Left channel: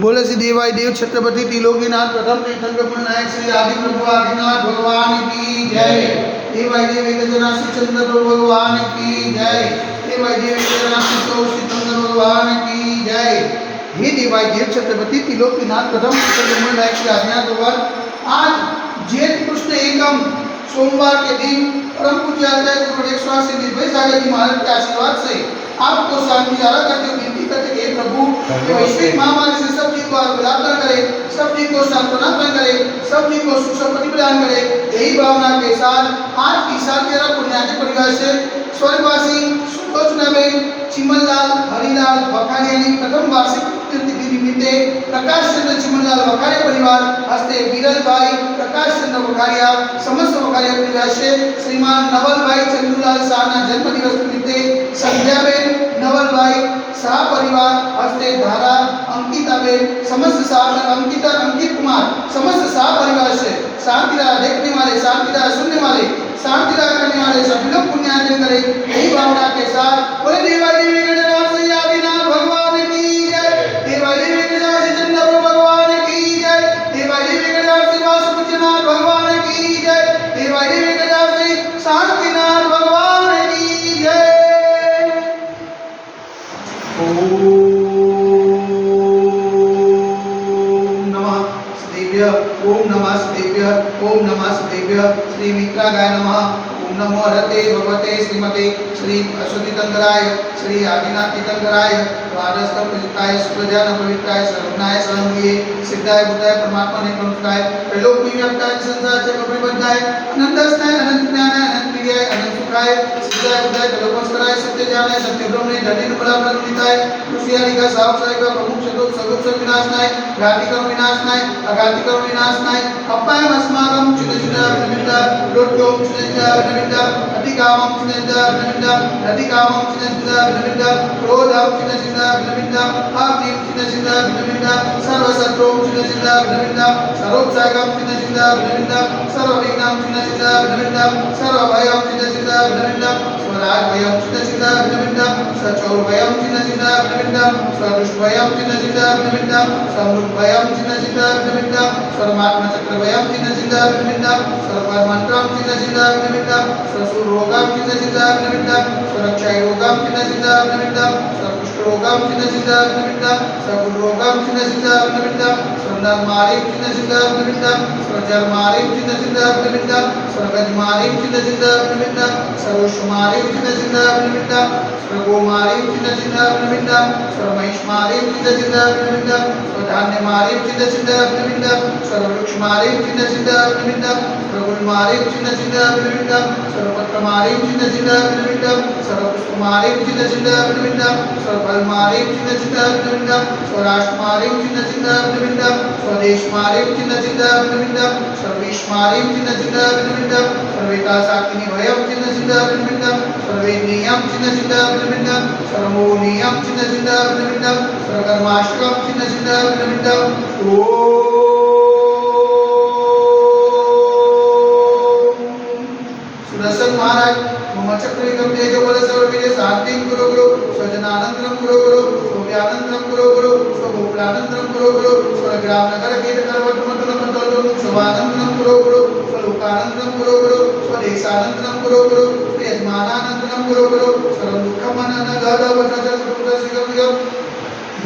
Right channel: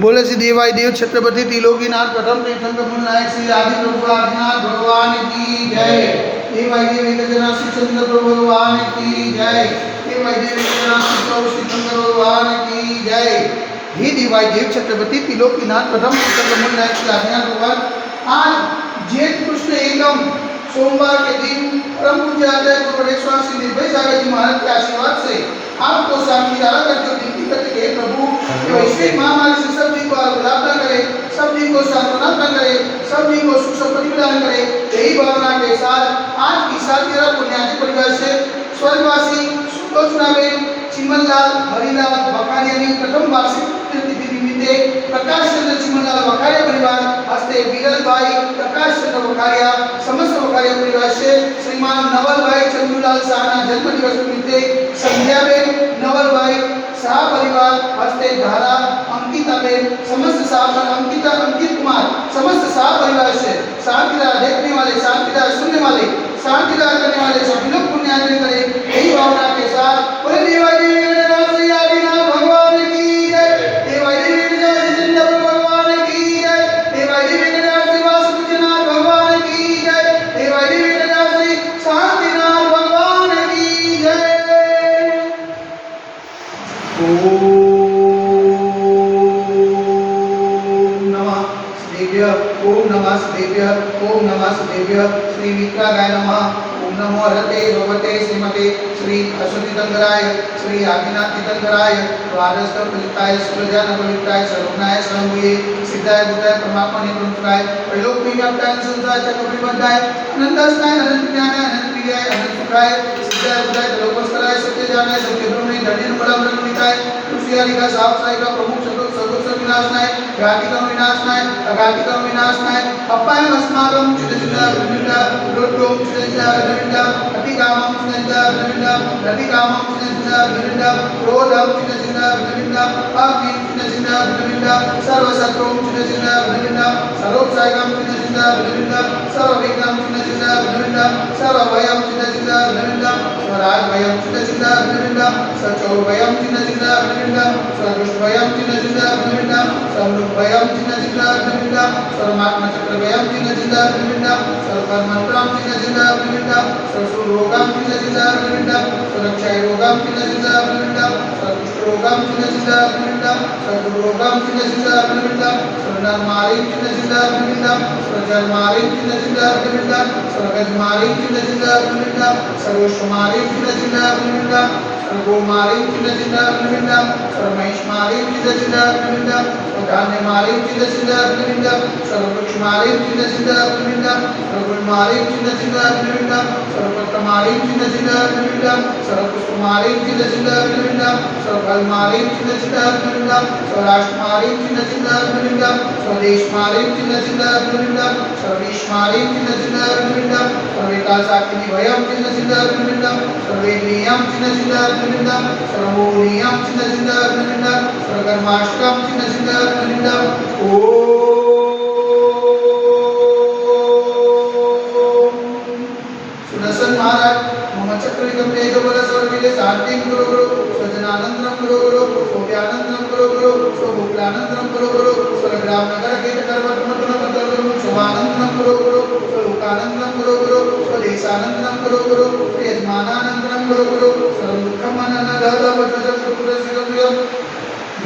बोले श्री देवाई देव छत्रपति त्रिलोकीनाथ प्रथम तीर्थंकर मूल नायक श्री आदि प्रभु आदिनाथ भगवान की जय। देवाई देव एकजना श्री चंद्र प्रभु भगवान की जय। देवाई देव एकजना श्री प्रभु श्री चंद्र भगवान की जय। हे देवाई देव छत्रपति त्रिलोकीनाथ प्रथम तीर्थंकर मूल नायक श्री आदिनाथ भगवान, आज जेठ कृष्ण एकम सोमवार के दिन परम पूज्य आचार्य गुरु एक श्री निर्भय सागर जी महाराज के आशीर्वाद से आपको शांति जारा करते हुए विनती करते हैं, प्रभु वैश्विक महामारी से सब जी को गुलाबदार करे, सब जी को सांत्वना प्रदान करे, सब जी को सुख संपत्ति प्रदान करे। यही भावना के साथ आज की सालगिरह पुण्याजी परिवार से स्वर्गवासी सुलोचनाबेन चिमनलाल हरिलाल वखारिया प्रथम वार्षिक तिथि निमित्ते प्रकाश चंद्र चिमनलाल वखारिया परिवार हस्ते विरल भाई प्रकाश चंद्र वखारिया समस्त वखारिया परिवार से श्रीमान नवल भाई चंदूलाल शाहना जन्म दिवस निमित्ते संध्याबेन नवल भाई शाह परिवार हस्ते धारा अंकिताबेन समस्त शाह अंकित कुमार समस्त शाह परिवार से शांतिदार देखने वाले शांतिदार सुनने वाले शांतिदार करने वाले सभी लोग पुण्यार्जन करें। यही भावना के साथ बोले देवाई देवी गणनाथ श्री आदिनाथ भगवान की जय। देवाई देवी गणनाथ श्री चंद्र भगवान की जय। देवाई देवी गणनाथ श्री वासुदेवनाथ भगवान की जय। देवाई देवी गणनाथ श्री शांतिनाथ भगवान की जय। ओम नमः शिवाय। ओम नमः शिवाय। श्री मित्रागाय नमः। ओम नमो हरते भगवते श्रीमते श्री अश्वती तीर्थंकराय श्री आदिनाथ तीर्थंकराय द्वादश पवित्राय सुखजान पवित्राय सर्वज्ञाय सर्वमये सिद्धाय बुद्धाय परमात्मा ने प्रमुखाय त्रैलोक में व्याप्ताय संसार चक्र बद्धाय अनंतस्ताय अनंत ज्ञानाय अनंत क्रियाय अनंत सुखाय सिद्धाय बुद्धाय त्रिलोकस्कराय सत्य जानाय सत्य ब्रह्मणे धन्य फलप्रदाय तुषियारी का सावसाय का प्रमुख चतुर्थ सर्वोच्च विनाशनाय घाती कर्म विनाशनाय अघाती कर्म विनाशनाय अपाय अस्माकं चिदचिदा विनिदा लोटो चिदचिदा विनिदा अतिकामं चिदचिदा विनिदा अतिकामं चिदचिदा विनिदा क्रोधं चिदचिदा विनिदा अग्नि चिदचिदा विनिदा सर्वशत्रुं चिदचिदा विनिदा सर्वोत्साहं चिदचिदा विनिदा सर्वविघ्नं चिदचिदा विनिदा सर्वभयं चिदचिदा विनिदा स्वराजभयं चिदचिदा विनिदा सचौरभयं चिदचिदा विनिदा सर्वदुष्टभयं चिदचिदा विनिदा सर्वभयं चिदचिदा विनिदा सर्वमात्मचक्रभयं चिदचिदा विनिदा सर्वकर्मन्त्रं चिदचिदा विनिदा सर्वरोगं चिदचिदा विनिदा सर्वक्षयरोगं चिदचिदा विनिदा सर्वकुष्ठरोगं चिदचिदा विनिदा सर्वरोगं चिदचिदा विनिदा सर्वनरमालिं चिदचिदा विनिदा सर्वजरमालिं चिदचिदा विनिदा सर्वगजमालिं चिदचिदा विनिदा सर्वशमालिं चिदचिदा विनिदा सर्वगोमालिं चिदचिदा विनिदा सर्वमहिषमालिं चिदचिदा विनिदा सर्वधान्यमालिं चिदचिदा विनिदा सर्ववृक्षमालिं चिदचिदा विनिदा सर्वगुणमालिं चिदचिदा विनिदा सर्वपत्रमालिं चिदचिदा विनिदा सर्वपुष्पमालिं चिदचिदा विनिदा सर्वफलमालिं चिदचिदा विनिदा स्वराष्ट्रमालिं चिदचिदा विनिदा स्वदेशमालिं चिदचिदा विनिदा सर्वेशमालिं चिदचिदा विनिदा सर्वेतासाकिनिभयं चिदचिदा विनिदा सर्वेन्द्रियं चिदचिदा विनिदा सर्वोनियं चिदचिदा विनिदा सर्वकर्माष्टकं चिदचिदा विनिदा सुदर्शन महाराज मम चक्रिकं तेजोबल सर्ववीर्य शांतिं कुरु गुरु स्वजनानंदनं कुरु गुरु सौम्यानंदनं कुरु गुरु स्वभोक्तानंदनं कुरु गुरु स्वग्राम नगर खेत पर्वतमंडलं मंडलं स्वानंदनं कुरु गुरु स्वलोकानंदनं कुरु गुरु स्वदेशानंदनं कुरु गुरु यजमानानंदनं कुरु गुरु सर्वदुःखमननगदवज्रजगुरुदर्शिगम्यं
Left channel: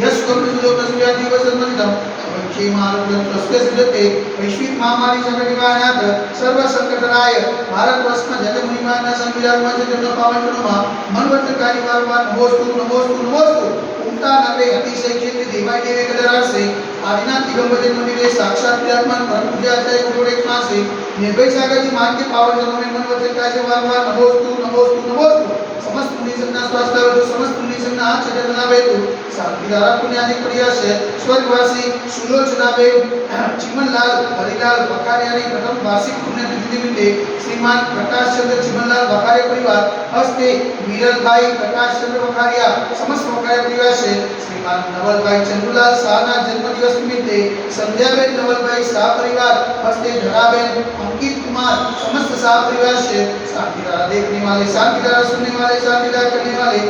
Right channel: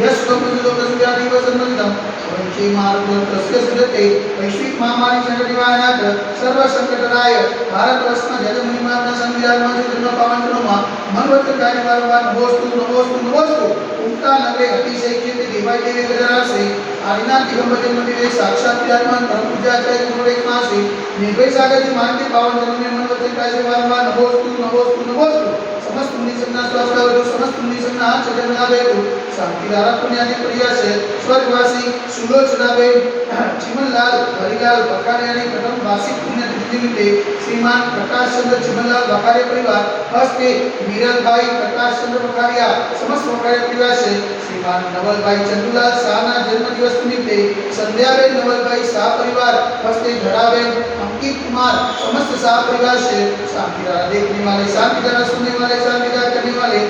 यस्वमृदुलोकस्व्याधिवसन्मनिदं वंशीमारुतं तस्य सिद्धते वैश्विक महामारी संकटनिवारणार्थ सर्व संकटनाय भारतवर्षમાં જય મહિમાના સંવિધાનમાં જે જન્મ પાવન કરોમાં મનવંતર કાર્ય વારંવાર નમોસ્તુ નમોસ્તુ નમોસ્તુ ઉમતા નગરે અતિશય ક્ષેત્રે દેવાય દેવે ગજરાસે આદિનાથ દિગંબર મંદિરે સાક્ષાત વિરાજમાન પરમ પૂજ્ય આચાર્ય ગુરુદેવ પાસે નિર્ભય સાગરજી માનકે પાવન જન્મે મનવંતર કાર્ય વારંવાર નમોસ્તુ નમોસ્તુ નમોસ્તુ समस्त मुनि संगना स्वास्थ्य करो समस्त मुनि संगना हाथ चढ़े बना बैठो शांतिदारा पुण्याजी प्रिया से स्वर्गवासी सुलोचनाबेन चिमनलाल हरिलाल वखारिया ने प्रथम वार्षिक पुण्यतिथि निमित्ते श्रीमान प्रकाश चंद्र चिमनलाल वखारिया परिवार हस्ते वीरल भाई प्रकाश चंद्र वखारिया समस्त वखारिया परिवार से श्रीमान नवल भाई चंदूलाल शाहना जन्म दिवस निमित्ते संध्याबेन नवल भाई शाह परिवार हस्ते धराबेन अंकित कुमार समस्त शाह परिवार से शांतिदारा देखने वाले शांतिदारा सुनने वाले शांतिदार करने वाले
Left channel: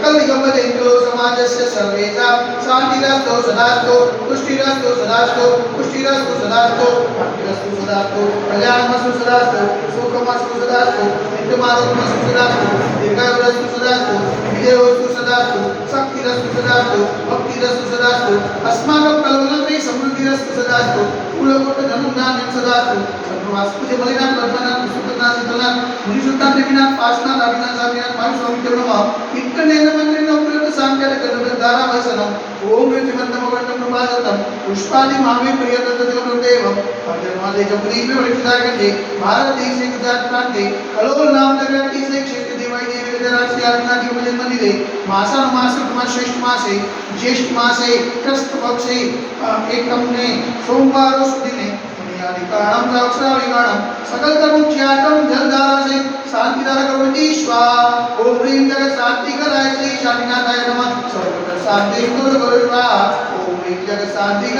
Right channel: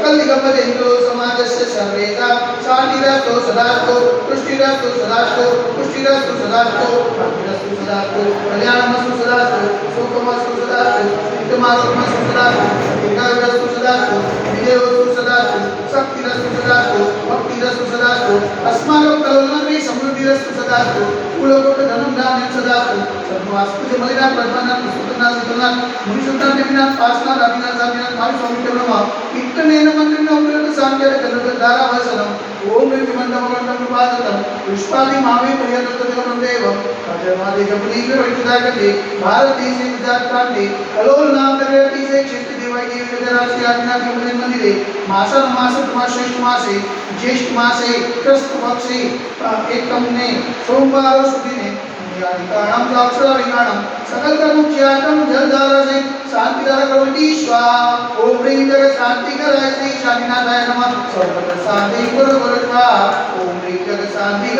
सकल निगमजन्तो समाजस्य सर्वेषां शान्तिरस्तु सदास्तु पुष्टिरस्तु सदास्तु पुष्टिरस्तु सदास्तु भक्तिरस्तु सदास्तु कल्याणमस्तु सदास्तु सुखमस्तु सदास्तु नित्यमारोग्यमस्तु सदास्तु दीर्घायुरस्तु सदास्तु विजयोस्तु सदास्तु शक्तिरस्तु सदास्तु भक्तिरस्तु सदास्तु अस्माकं कलोलने समृद्धिरस्तु सदास्तु कुलकोट धनं धान्यं सदास्तु सर्ववास्तु मलिना कल्पना सुखना सकलना मुनिशुद्धा देविना पासना दाविना सामिना मारु सौमित्रणमा इत्तनेन मंत्रेण उपयुक्त सांख्यार कर्मधारा वसनम ओम ऋचिमंतम वंदम प्रभातम पुष्पादि मावे प्रियतत्वं देव पद्यमादे जपदी विवरितागते भारती से गुजरात प्रांते कलोल नाम नगरती से क्षेत्र देवाई देवी विदरासी आज्ञा के भजन मंदिरे मासन मासिक मास श्रेष्ठ मासे ज्येष्ठ मासे कृष्ण पक्षे एकम ने सोमवार सुदिने कारणम साक्षरा विज्ञानम सकल कर्म च्यातम जलधारा से शांतिदार करोति स्वाहा ओम ह्रीं जग शांति कराय श्री शांतिनाथाय नमः सर्व शांति गुरु गुरु स्वाहा ओम ह्रीं जग शांति